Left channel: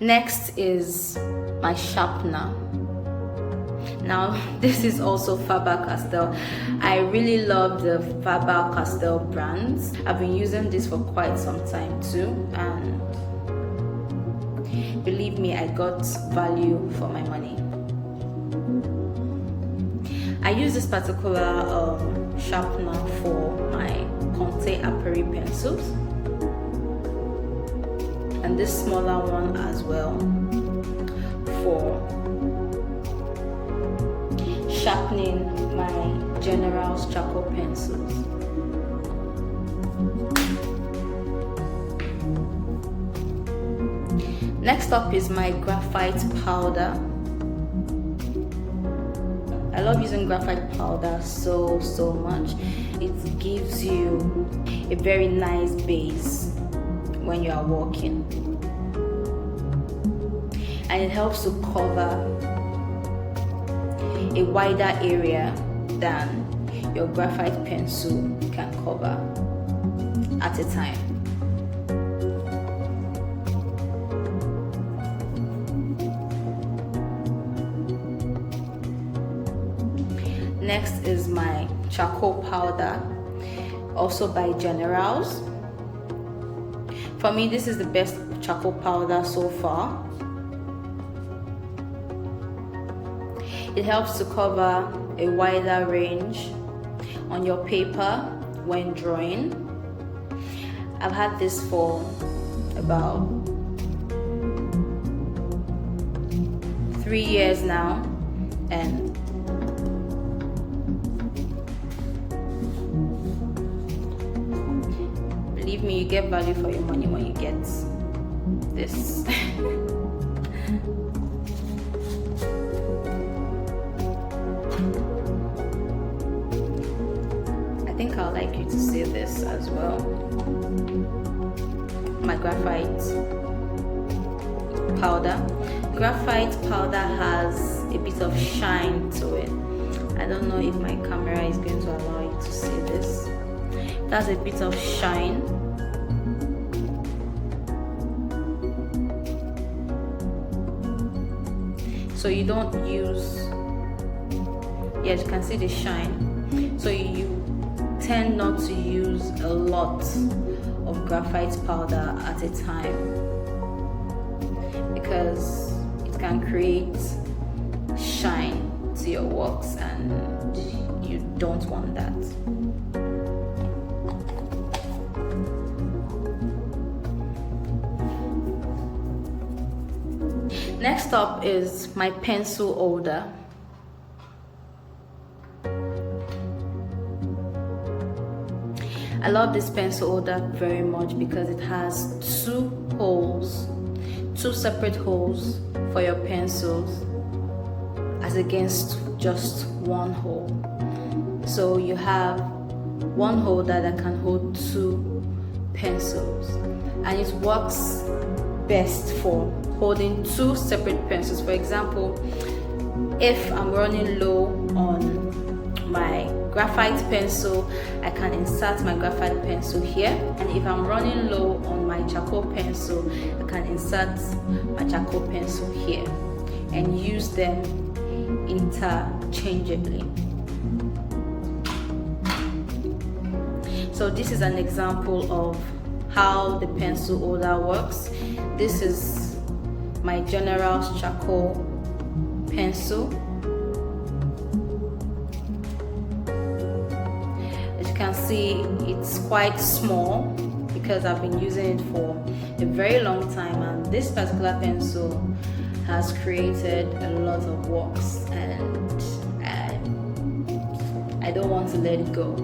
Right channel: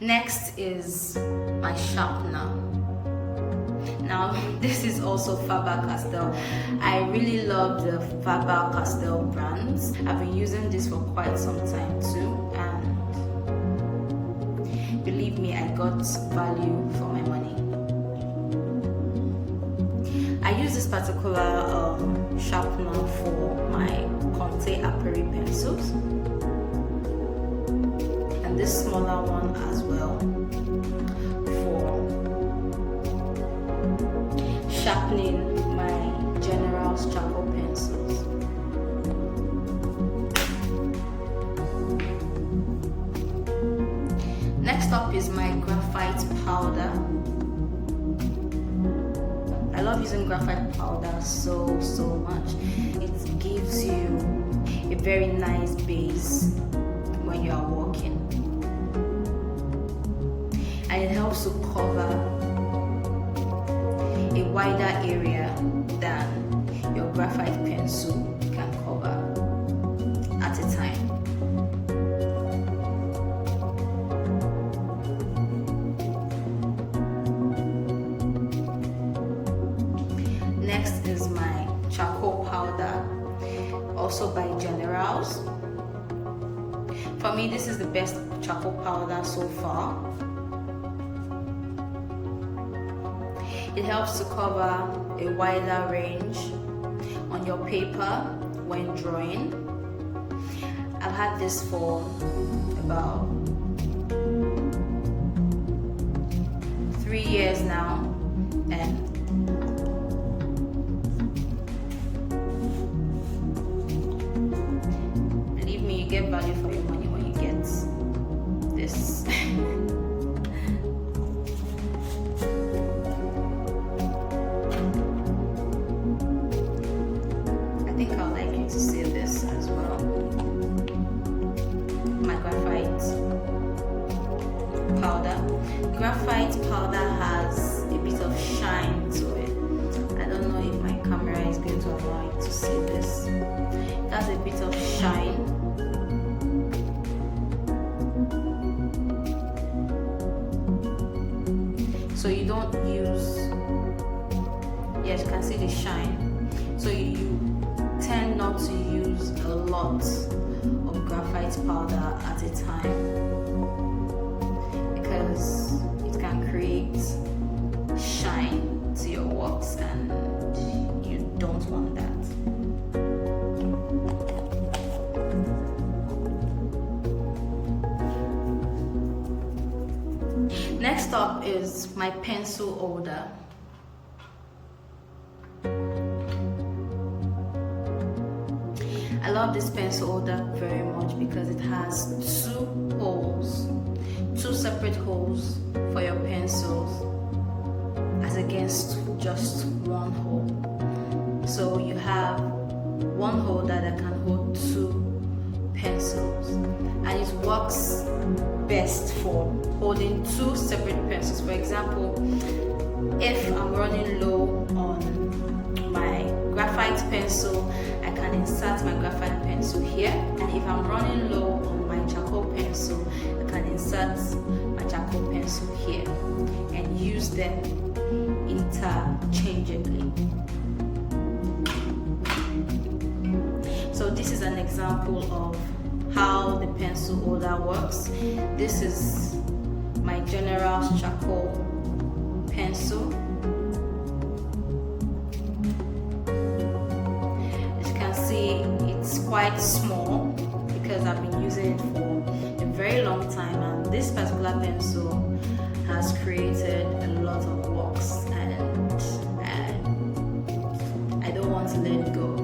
Next is my sharpener. Now this is also Faber-Castell. I really love the Faber-Castell brands. I've been using this for quite some time too, and believe me, I got value for my money. I use this particular sharpener for my Conte Aperi pencils, and this smaller one as well for sharpening my General's charcoal pencils. Next up is my graphite powder. I love using graphite powder so much. It gives you a very nice base when you are working, and it helps to cover a wider area than your graphite pencil can cover at a time. Next is my charcoal powder, also by General's. For me, this is the best charcoal powder so far. It helps to cover a wider range on your paper when drawing. I've had this for about 3 years now, and believe me, you get value for your money when you get this. To see this as well. My graphite powder. Graphite powder has a bit of shine to it. I don't know if my camera is going to allow you to see this. It has a bit of shine. So you don't use, yes, you can see the shine. So you tend not to use a lot of graphite powder at a time, because it can create shine to your works, and you don't want that. Next up is my pencil holder. I love this pencil holder very much because it has two separate holes for your pencils, as against just one hole. So you have one holder that can hold 2 pencils, and it works best for holding 2 separate pencils. For example, if I'm running low on my graphite pencil, I can insert my graphite pencil here, and if I'm running low on my charcoal pencil, I can insert my charcoal pencil here and use them interchangeably. So this is an example of how the pencil holder works. This is my General's charcoal pencil. It's quite small because I've been using it for a very long time, and this particular pencil has created a lot of works, and I don't want to let it go.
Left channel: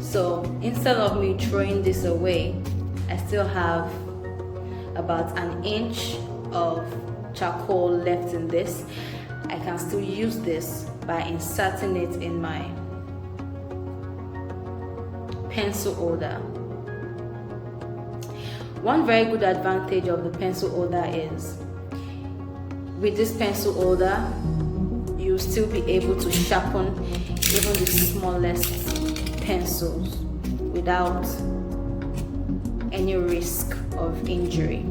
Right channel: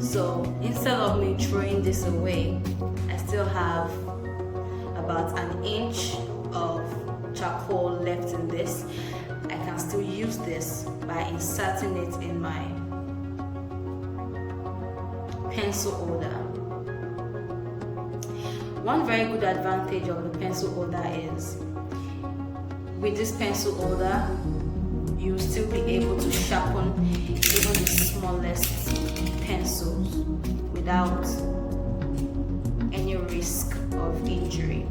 So instead of me throwing this away, I still have about 1 inch of charcoal left in this. I can still use this by inserting it in my pencil holder. One very good advantage of the pencil holder is, with this pencil holder, you'll still be able to sharpen even the smallest pencils without any risk of injury.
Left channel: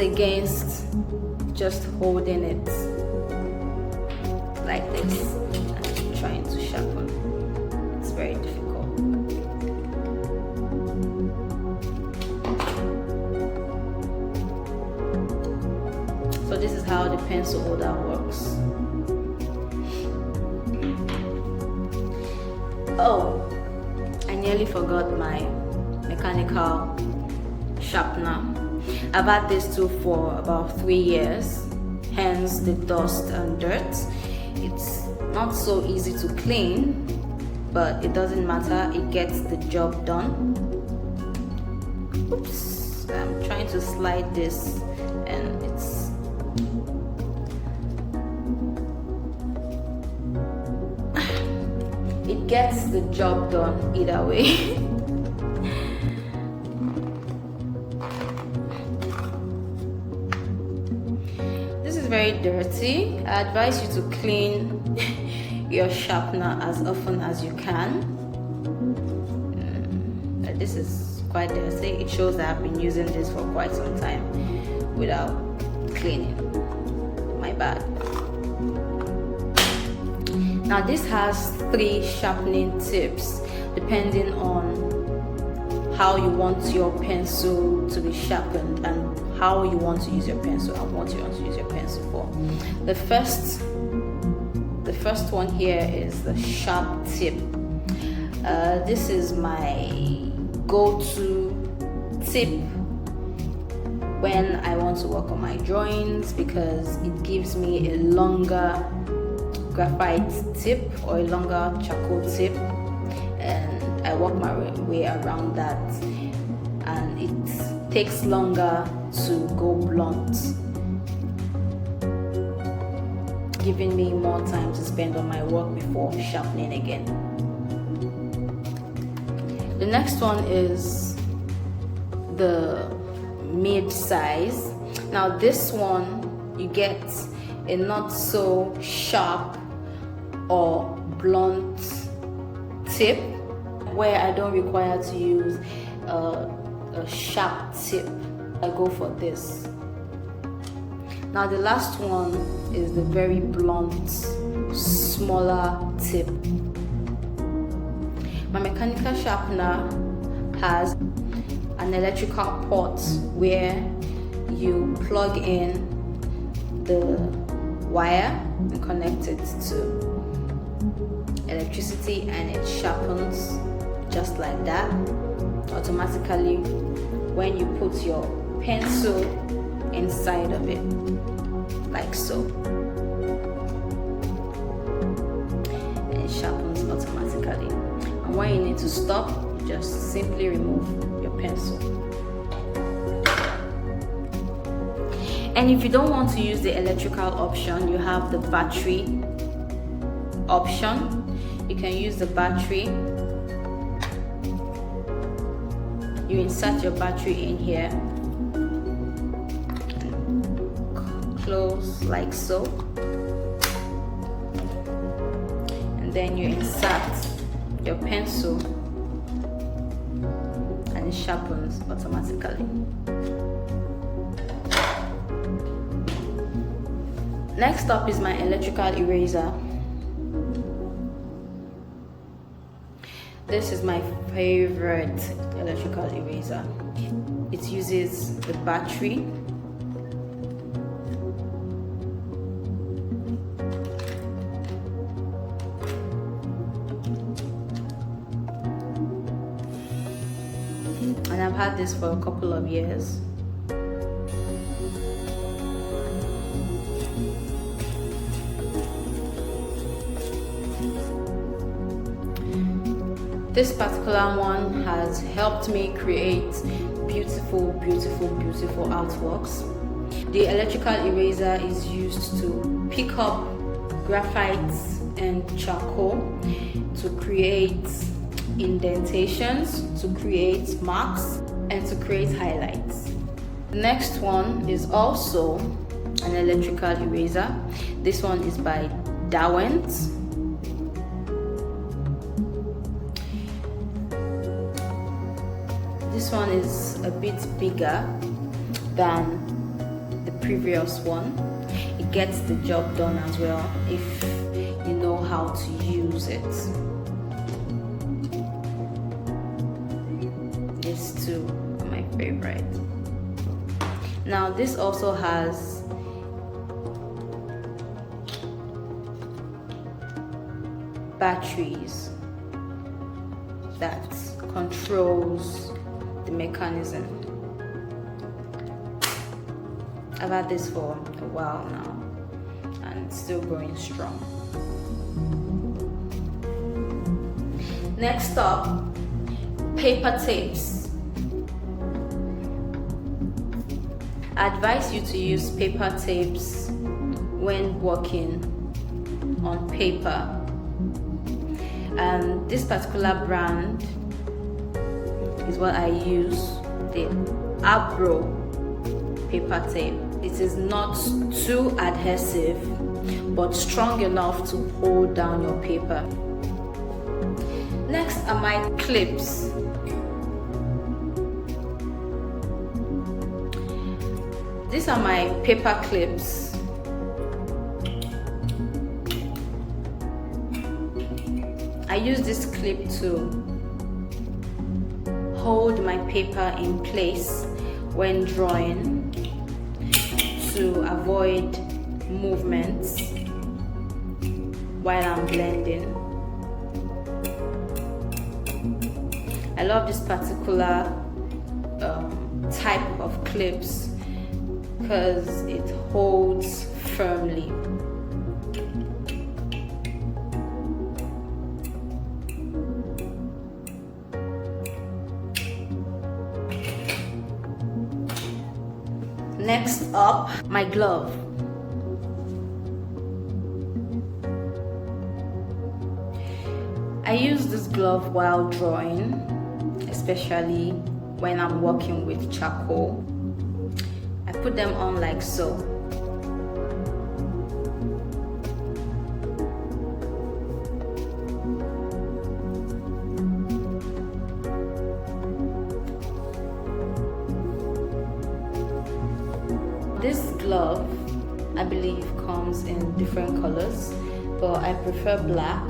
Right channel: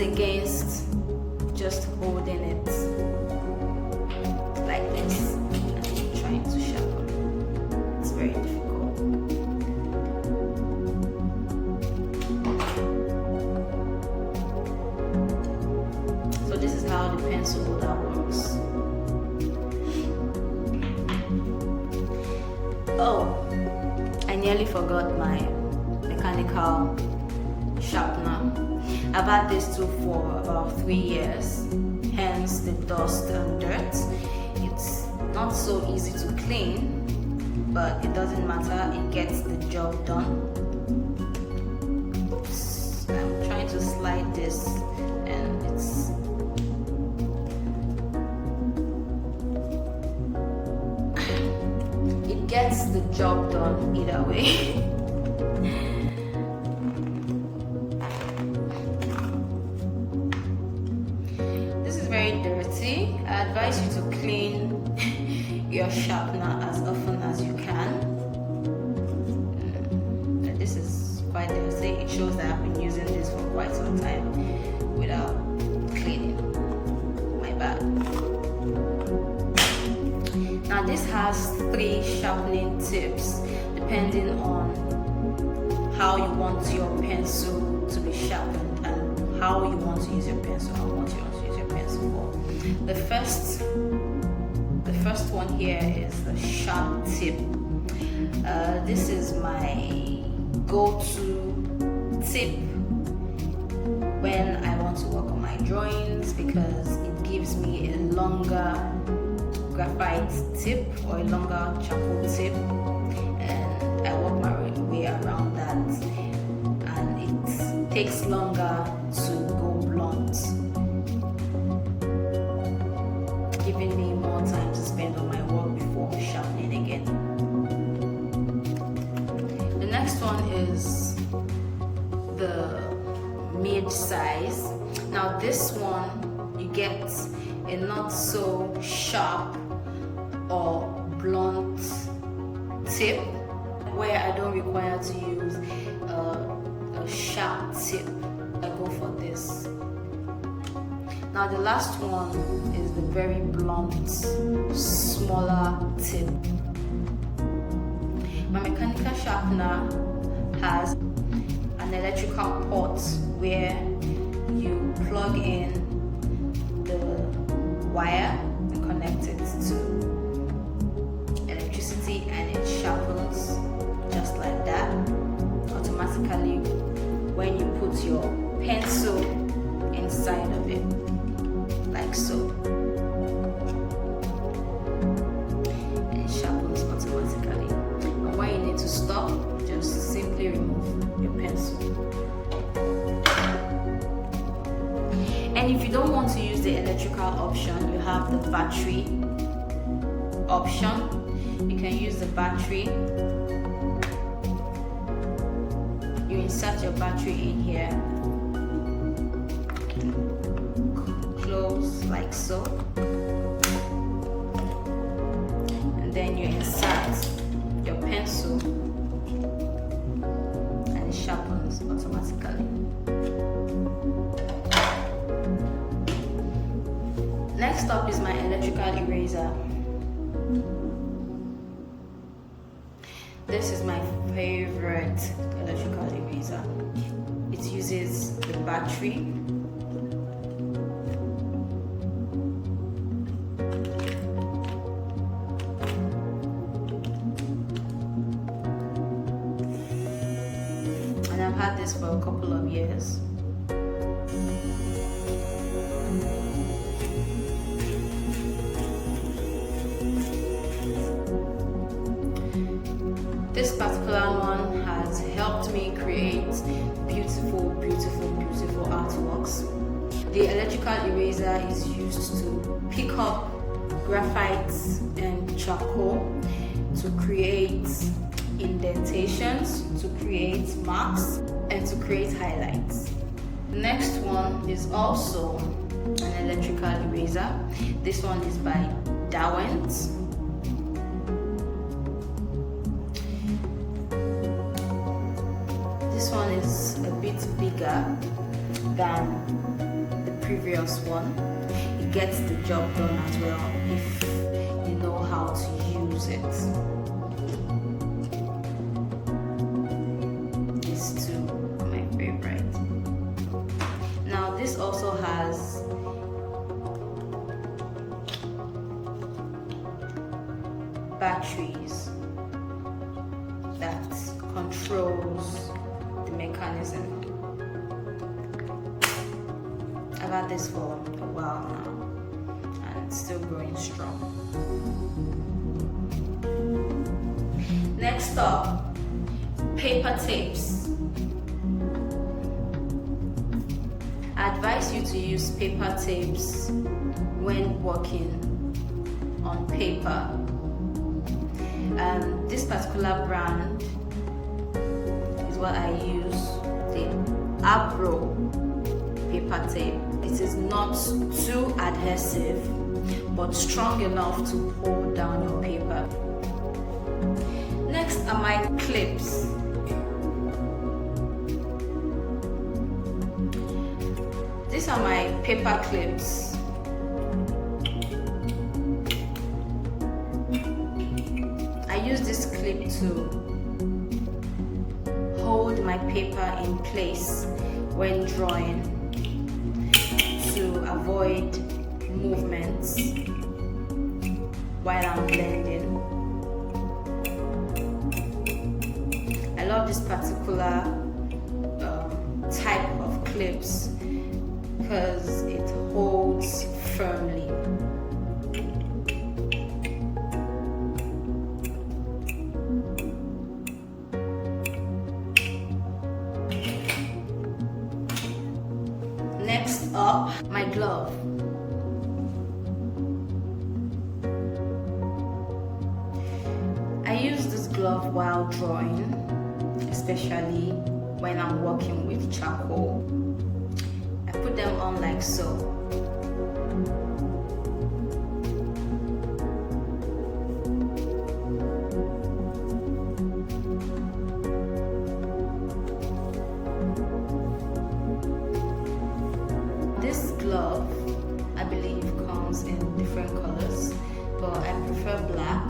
against just holding it like this and trying to sharpen. It's very difficult. So this is how the pencil holder works. Oh, I nearly forgot my mechanical sharpener. I've had this tool for about 3 years, hence the dust and dirt. It's not so easy to clean, but it doesn't matter, it gets the job done. Oops, I'm trying to slide this and it's it gets the job done either way. Very dirty. I advise you to clean your sharpener as often as you can. This is quite dirty. It shows that I've been using this for quite some time without cleaning. My bad. Now this has 3 sharpening tips depending on how you want your pencil to be sharpened and how you want to use your pencil and what you want to use your pencil for. The first one here is the sharp tip. This is my go-to tip when I want to work on my drawings because it gives me a longer graphite tip or a longer charcoal tip, and I work my way around that, and it takes longer to go blunt, giving me more time to spend on my work before sharpening again. The next one is the mid-size. Now this one you get a not so sharp or blunt tip where I don't require to use a sharp tip. I go for this. Now the last one is the very blunt, smaller tip. My mechanical sharpener has an electrical port where you plug in the wire and connect it to electricity, and it sharpens just like that automatically when you put your pencil inside of it, like so. It sharpens automatically. And when you need to stop, just simply remove your pencil. And if you don't want to use the electrical option, you have the battery option. You can use the battery. You insert your battery in here, close like so, and then you insert your pencil and it sharpens automatically. Next up is my electrical eraser. This is my favorite electrical eraser. It uses the battery. And I've had this for a couple of years. This particular one has helped me create beautiful artworks. The electrical eraser is used to pick up graphite and charcoal to create indentations, to create marks, and to create highlights. The next one is also an electrical eraser. This one is by Derwent. This one is a bit bigger than previous one. It gets the job done as well if you know how to use it. These two are my favorite. Now this also has batteries that controls the mechanism. I've had this for a while now and it's still going strong. Next up, paper tapes. I advise you to use paper tapes when working on paper. This particular brand is what I use, the Abro paper tape. It is not too adhesive but strong enough to hold down your paper. Next are my clips. These are my paper clips. I use this clip to hold my paper in place when drawing to avoid movements while I'm blending. I love this particular type of clips because it holds firmly. Next up, my glove. I use this glove while drawing, especially when I'm working with charcoal. I put them on like so. This glove, I believe, comes in different colors, but I prefer black.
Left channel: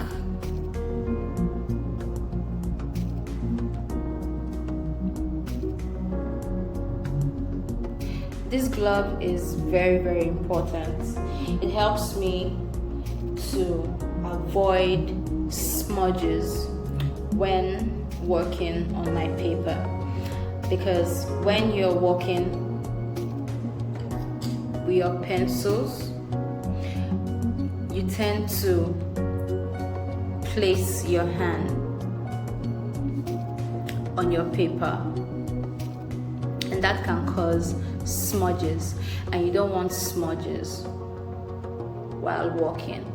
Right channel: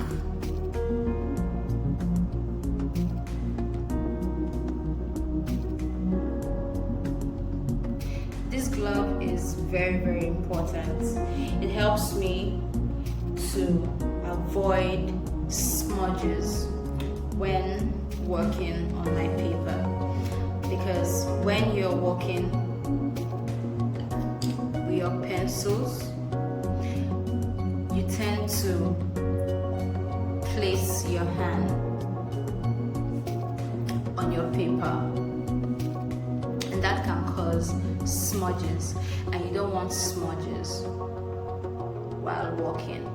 This glove is very, very important. It helps me to avoid smudges when working on my paper, because when you're working with your pencils, you tend to place your hand on your paper, and that can cause smudges, and you don't want smudges while working.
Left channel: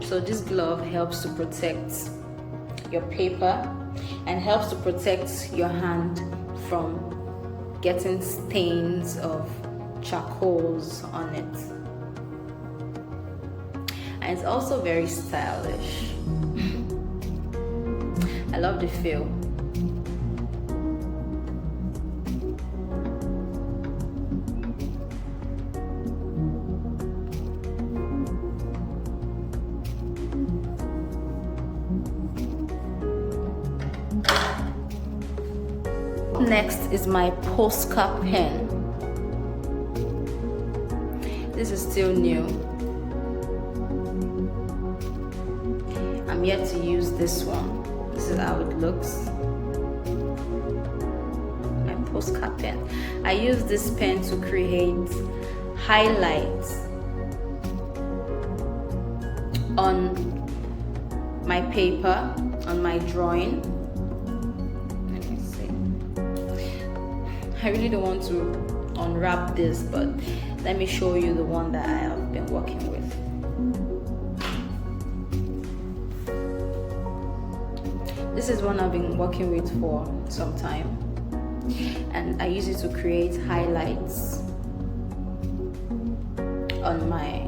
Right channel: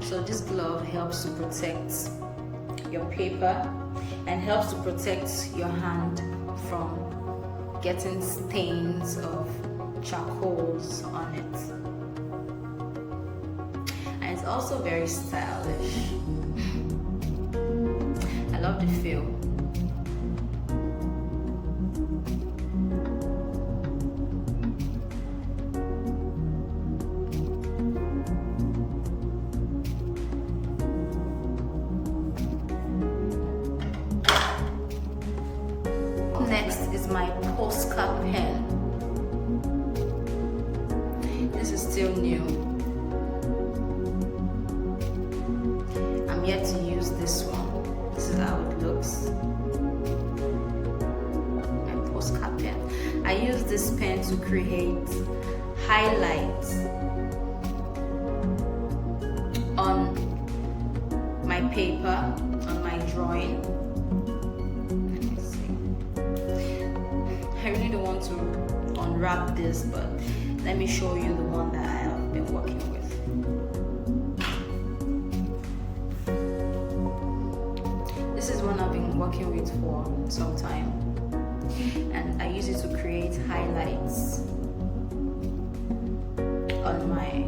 So this glove helps to protect your paper and helps to protect your hand from getting stains of charcoals on it. And it's also very stylish. I love the feel. Next is my postcard pen. This is still new. I'm yet to use this one. This is how it looks. My postcard pen. I use this pen to create highlights on my paper, on my drawing. I really don't want to unwrap this, but let me show you the one that I have been working with. This is one I've been working with for some time, and I use it to create highlights on my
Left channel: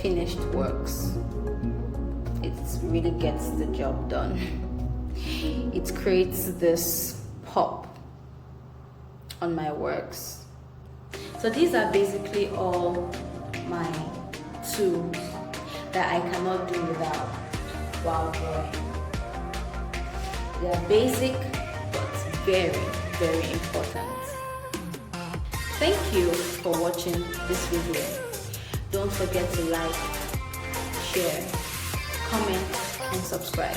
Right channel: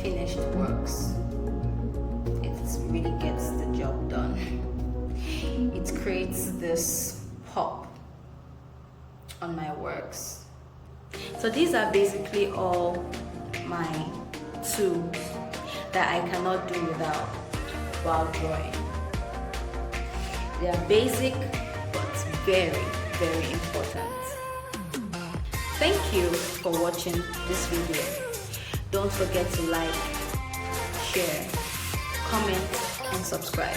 finished works. It really gets the job done. It creates this pop on my works. So these are basically all my tools that I cannot do without while drawing. They are basic but very, very important. Thank you for watching this video. Don't forget to like, share, comment, and subscribe.